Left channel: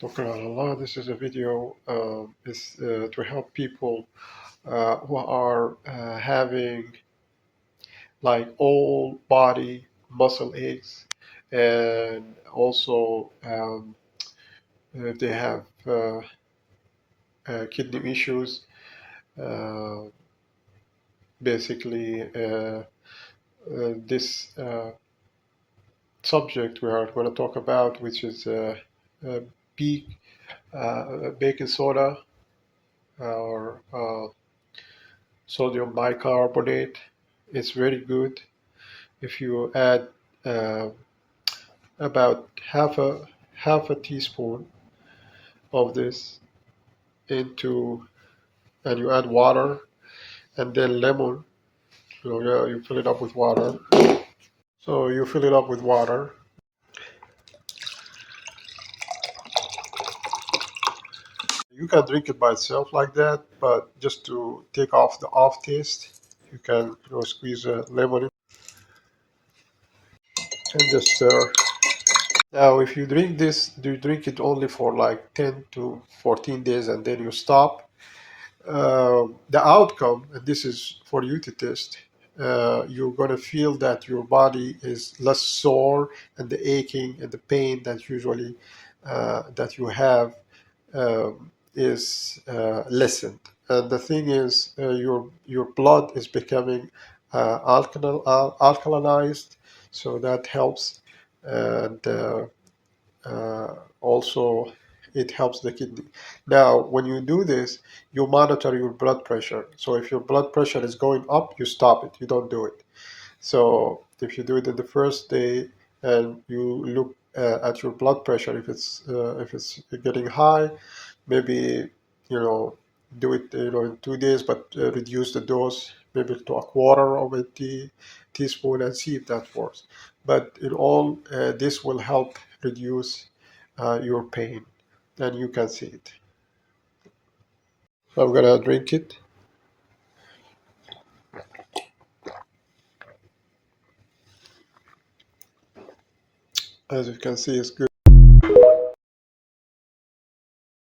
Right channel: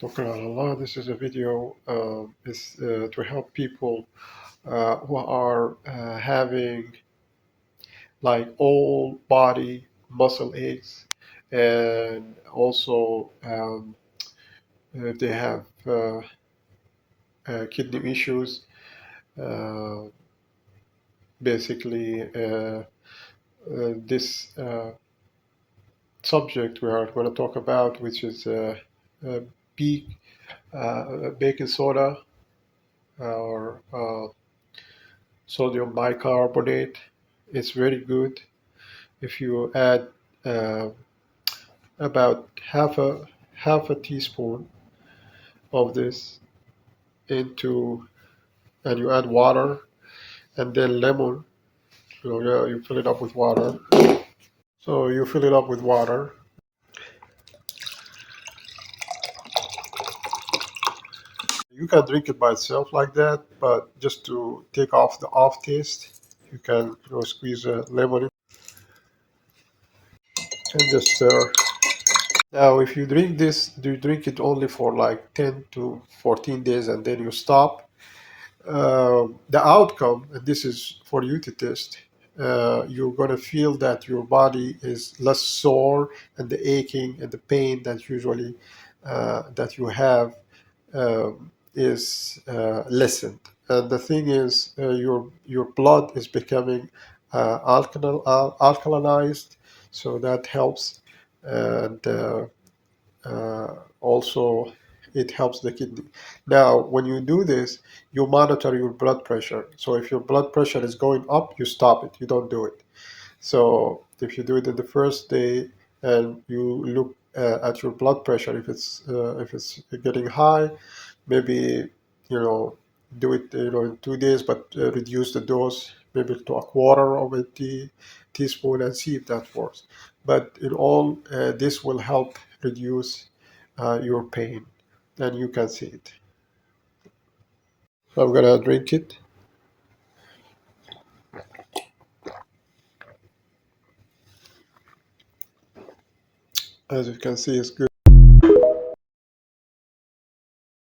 Dr. Allah, this is a video to help people who are having like all body muscle aches, and also if they have kidney issues. Uh, Basically, this subject we are going to talk about, which is peak baking soda or sodium bicarbonate. It's very good if you add uh, about half a teaspoon of this into, and you add water and then lemon. You fill it up with water. So you fill it up with water. You can drink it by itself like that, but just to take off the off taste, you can squeeze a lemon in and just stir. Now, if you drink this, you drink it only for like 10 to 14 days and then you stop. The outcome, and this is for you to test, you're going to feel that your body is less sore, and the aching and the pain that usually that you have is lessened. And the thing is, your blood is becoming alkalinized, so that helps, and also it helps the kidney. Now, when you do this, you monitor your blood pressure. So if your blood pressure is going up, you stop it. You don't do it. So if you do it in the first day and you look at your blood pressure, if it's getting high, maybe do it in 2 days, but reduce the dose maybe to a quarter of a teaspoon and see if that works. But in all, this will help reduce your pain, and you can see it. So I'm gonna drink it. As you can see, it's good.